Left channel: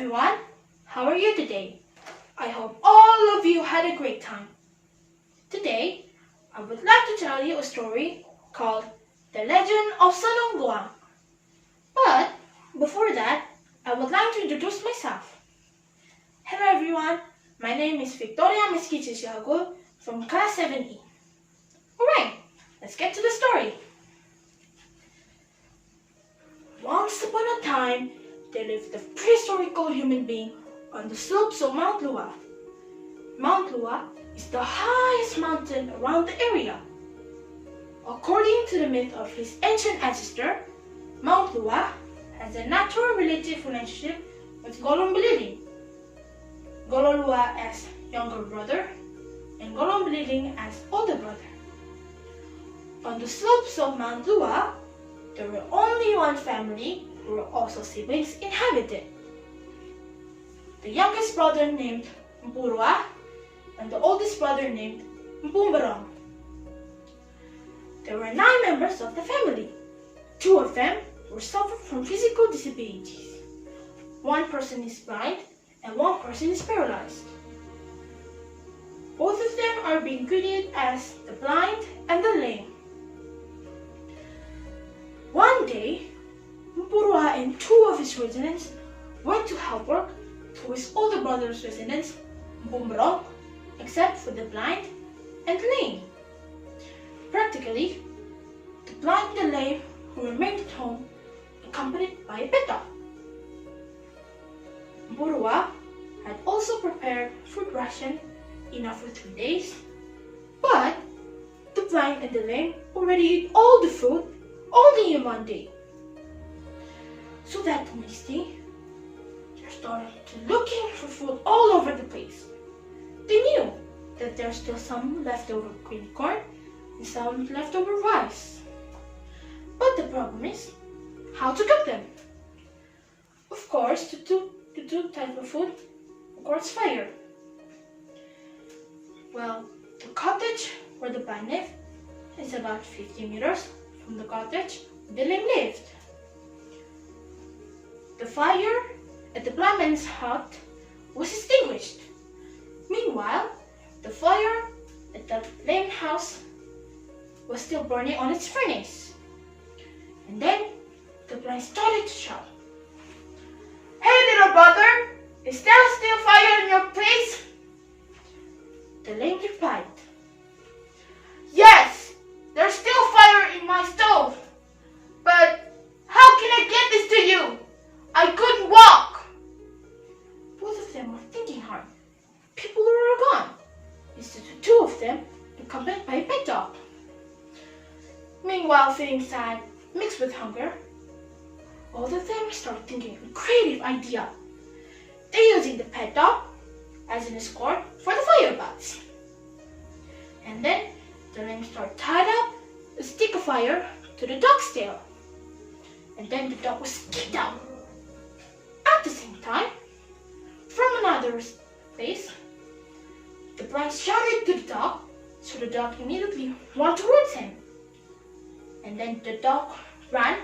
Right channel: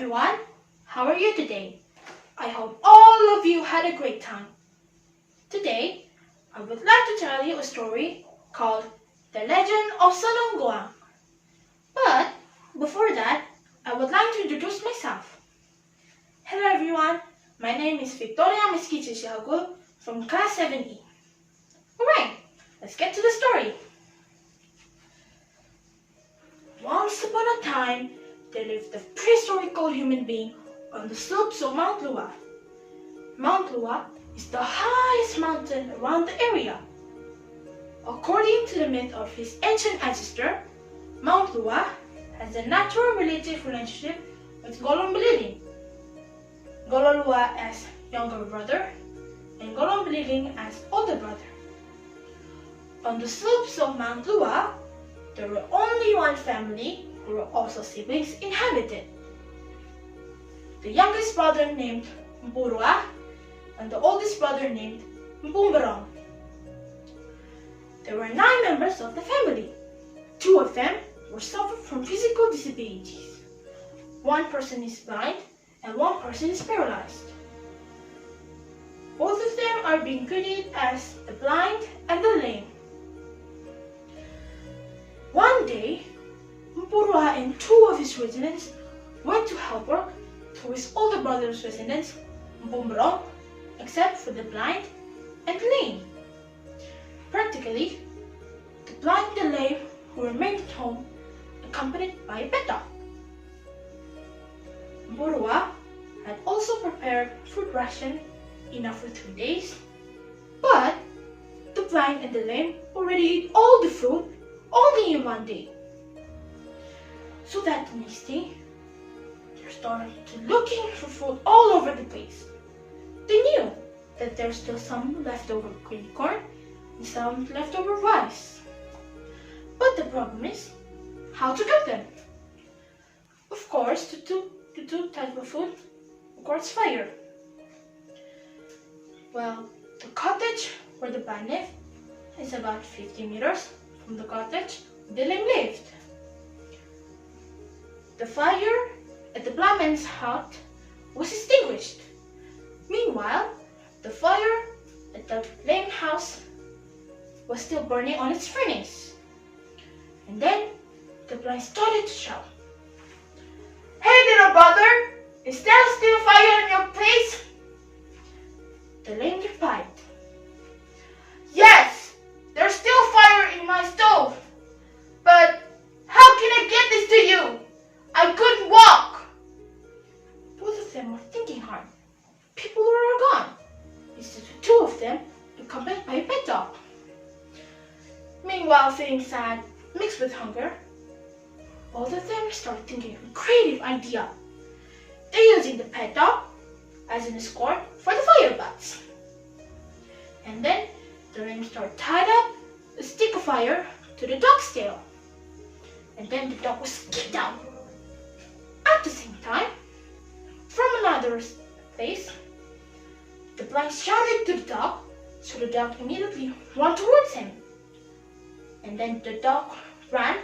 everyone, how are you today? I hope all of you had a great time. Today, I would like to tell you a story called The Legend of Sano Nggoang. But before that, I would like to introduce myself. Hello everyone, my name is Victoria Mesquita from class 7E. Alright, let's get to the story. Once upon a time, there lived a prehistorical human being on the slopes of Mount Lua. Mount Lua is the highest mountain around the area. According to the myth of his ancient ancestor, Mount Lua has a natural relative relationship with Golong Beliling. Golong Lua as younger brother and Golong Beliling as older brother. On the slopes of Mount Lua, there were only one family who were also siblings inhabited. The youngest brother named Mpurua and the oldest brother named Mpumberong. There were 9 members of the family. 2 of them were suffering from physical disabilities. 1 person is blind and 1 person is paralyzed. Both of them are being treated as the blind and the lame. One day, Mpurua and 2 of his residents went to help work to his older brother's residents, Mpumberong, except for the blind and lame. Practically, the blind and the lame who remained at home, accompanied by a pet dog. Mpurua had also prepared food ration enough for 3 days, but the blind and the lame already ate all the food only in 1 day. So that next day, they started looking for food all over the place. They knew that there's still some leftover green corn and some leftover rice. But the problem is how to cook them. Of course, to do type of food requires fire. Well, the cottage where the blind lived is about 50 meters from the cottage where the lame lived. The fire at the blind man's hut was extinguished. Meanwhile, the fire at the lame house was still burning on its furnace. And then the blind started to shout, "Hey little brother, is there still fire in your place?" The lame replied, "Yes, there's still fire in my stove. But how can I get this to you? I couldn't walk." Both of them were thinking hard. People were gone. Instead of 2 of them, accompanied by a pet dog. Meanwhile, feeling sad, mixed with hunger, both of them started thinking of a creative idea. They're using the pet dog as an escort for the fire bats. And then the lame started tied up a stick of fire to the dog's tail. And then the dog was kicked out. At the same time, from another place, the blind shouted to the dog, so the dog immediately ran towards him. And then the dog ran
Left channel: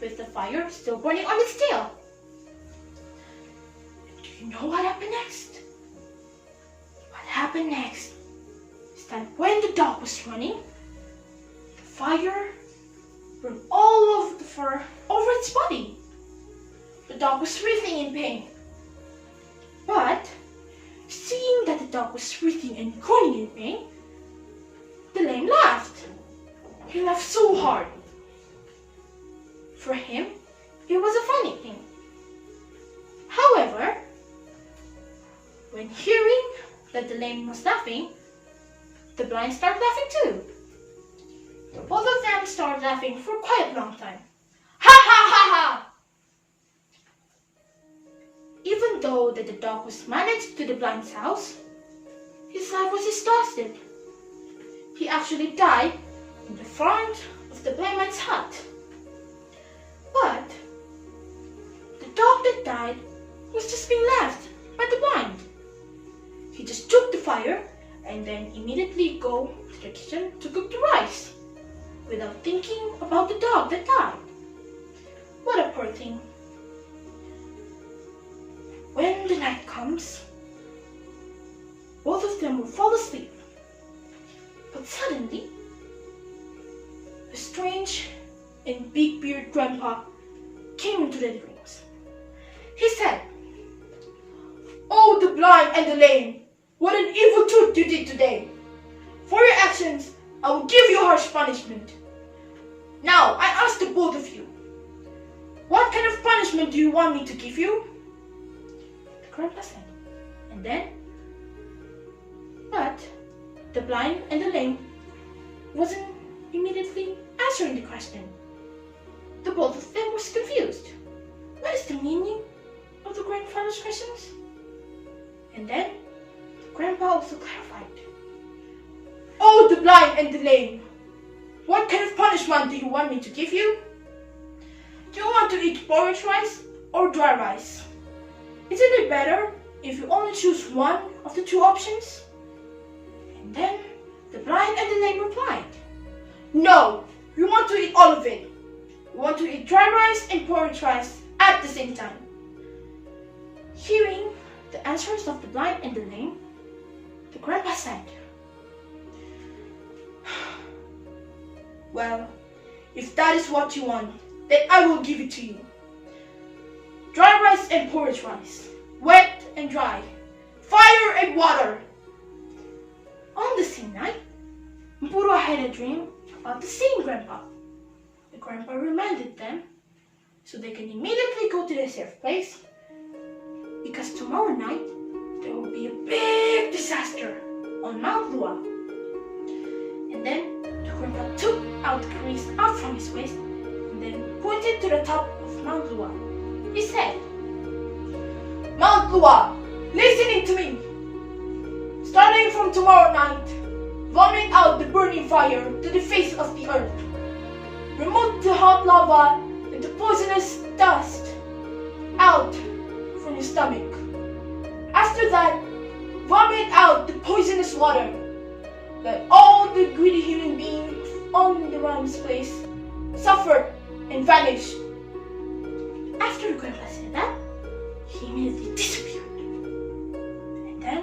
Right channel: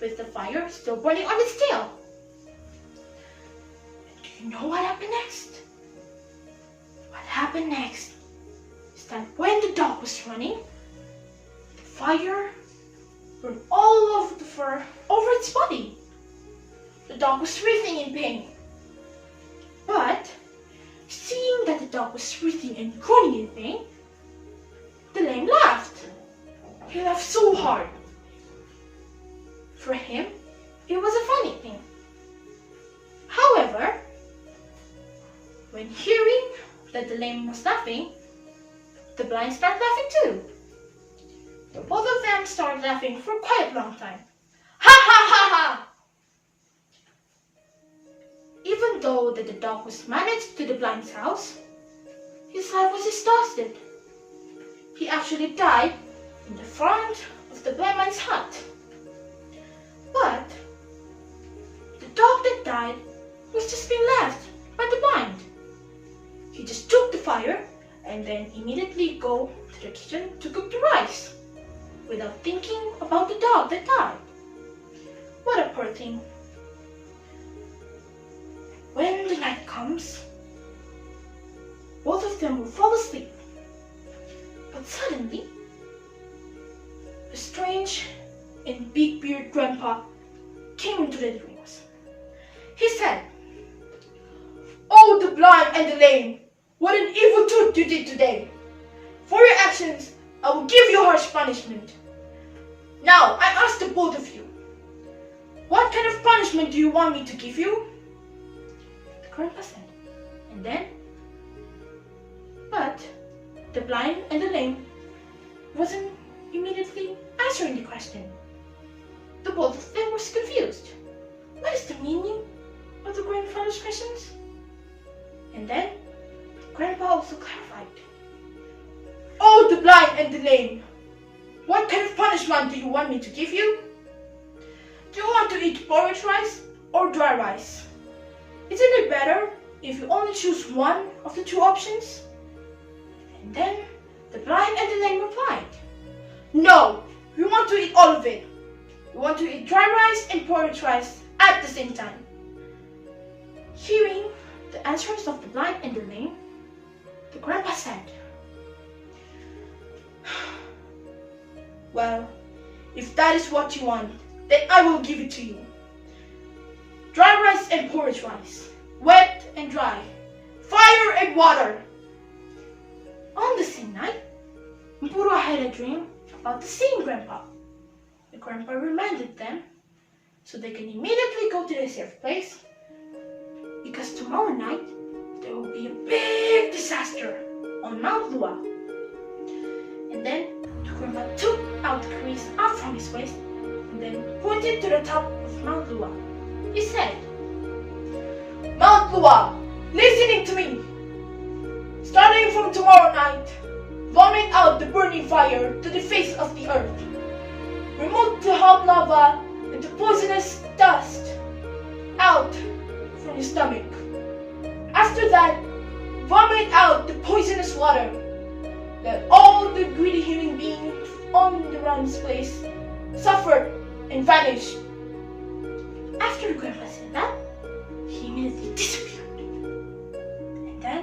with the fire still burning on its tail. Do you know what happened next? What happened next is that when the dog was running, the fire burned all over the fur over its body. The dog was writhing in pain. But seeing that the dog was writhing and groaning in pain, the lame laughed. He laughed so hard. For him, it was a funny thing. However, when hearing that the lame was laughing, the blind started laughing too. Both of them started laughing for quite a long time. Ha ha ha ha! Even though that the dog was managed to the blind's house, his life was exhausted. He actually died in the front of the blind man's hut. But the dog that died was just being left by the blind. He just took the fire and then immediately go to the kitchen to cook the rice without thinking about the dog that died. What a poor thing. When the night comes, both of them will fall asleep. But suddenly, a strange and big-bearded grandpa came into their dreams. He said, "Oh, the blind and the lame, what an evil truth you did today. For your actions, I will give you harsh punishment. Now, I ask the both of you, what kind of punishment do you want me to give you?" The grandpa said, and then, but the blind and the lame wasn't immediately answering the question. The both of them was confused. What is the meaning of the grandfather's questions? And then, the grandpa also clarified. "Oh, the blind and the lame, what kind of punishment do you want me to give you? Do you want to eat porridge rice or dry rice? Isn't it better if you only choose one of the two options?" And then the blind and the lame replied, "No, we want to eat all of it. We want to eat dry rice and porridge rice at the same time." Hearing the answers of the blind and the lame, the grandpa said, "Well, if that is what you want, then I will give it to you. Dry rice and porridge rice, wet and dry, fire and water." On the same night, Mpurwa had a dream about the same grandpa. The grandpa reminded them so they can immediately go to the safe place, because tomorrow night there will be a big disaster on Mount Lua. And then the grandpa took out the crease out from his waist and then pointed to the top of Mount Lua. He said, "Mount Lua, listening to me. Starting from tomorrow night, vomit out the burning fire to the face of the earth. Remove the hot lava and the poisonous dust out from your stomach. After that, vomit out the poisonous water. Let all the greedy human beings on the realm's place suffer and vanish." After the grandpa said that, he immediately disappeared. And then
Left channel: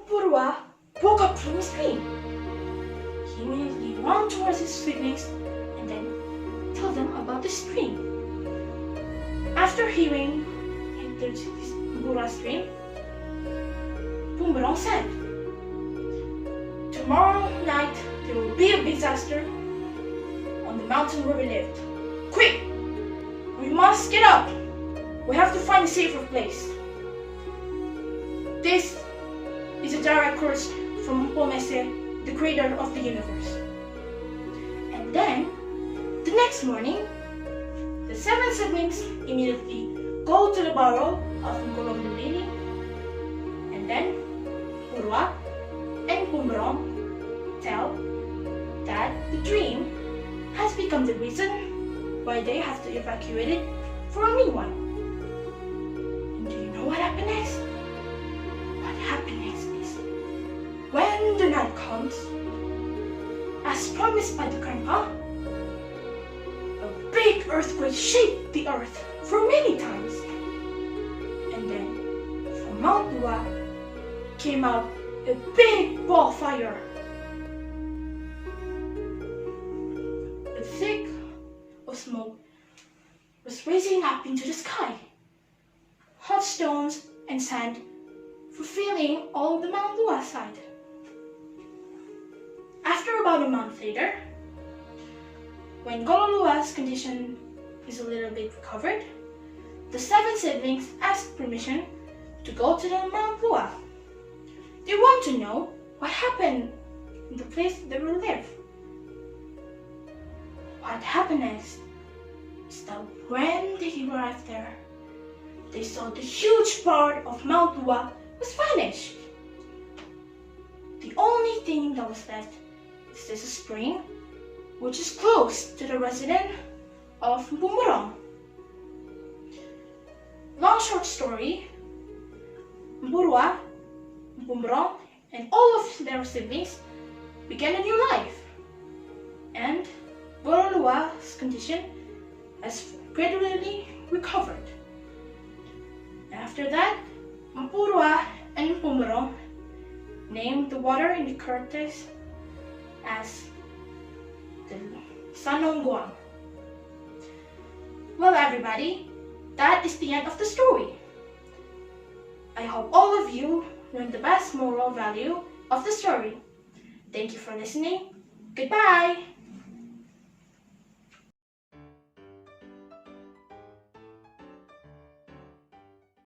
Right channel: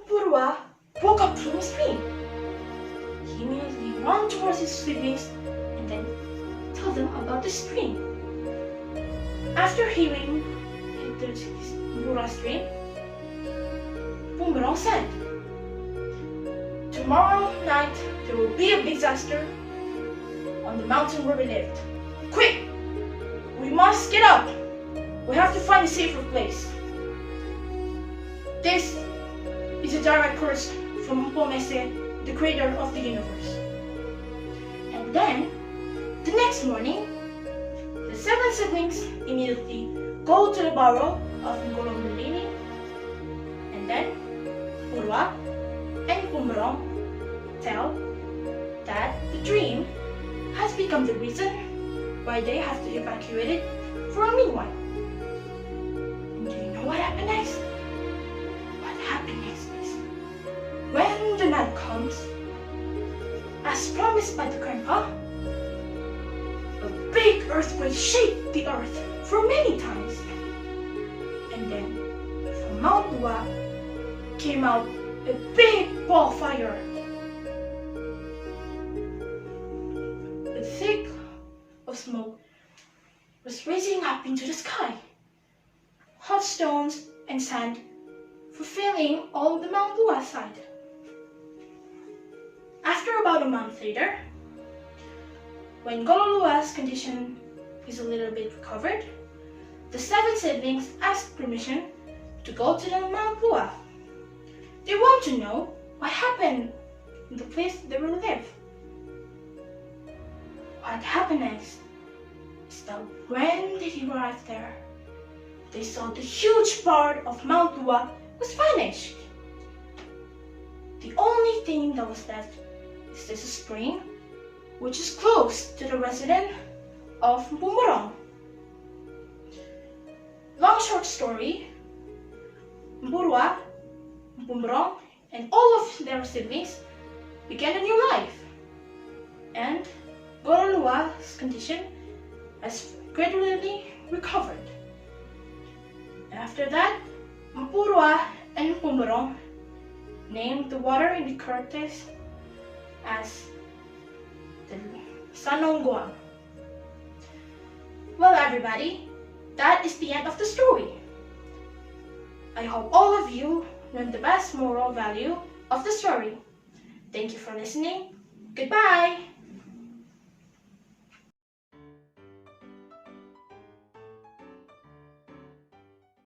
Mpurwa woke up from his dream. He immediately ran towards his siblings and then told them about this dream. After hearing Mpurwa's dream, Boomerang said, "Tomorrow night there will be a disaster on the mountain where we lived. Quick! We must get up! We have to find a safer place. This is a direct course from Mpomese, the creator of the universe." And then, the next morning, the 7 siblings immediately go to the burrow of Ngolombalili, and then Purwa and Boomerang tell that the dream has become the reason why they have to evacuate it for a meanwhile. And do you know what happened next? What happened next is, when the night comes, as promised by the grandpa, a big earthquake shaked the earth for many times. And then, from Mount Lua came out a big ball fire. A thick of smoke was rising up into the sky. Hot stones and sand fulfilling all the Mount Lua side. After about a month later, when Gololua's condition is a little bit recovered, the 7 siblings asked permission to go to the Mount Lua. They want to know what happened in the place they will live. What happened next is that when they arrived there, they saw the huge part of Mount Lua was vanished. The only thing that was left is this spring, which is close to the residence of Boomerang. Long short story, Mpurwa, Boomerang, and all of their siblings began a new life, and Gololua's condition has gradually recovered. After that, Mapurwa and Pumurong named the water in the Curtis as the Sano Nggoang. Well, everybody, that is the end of the story. I hope all of you learned the best moral value of the story. Thank you for listening. Goodbye!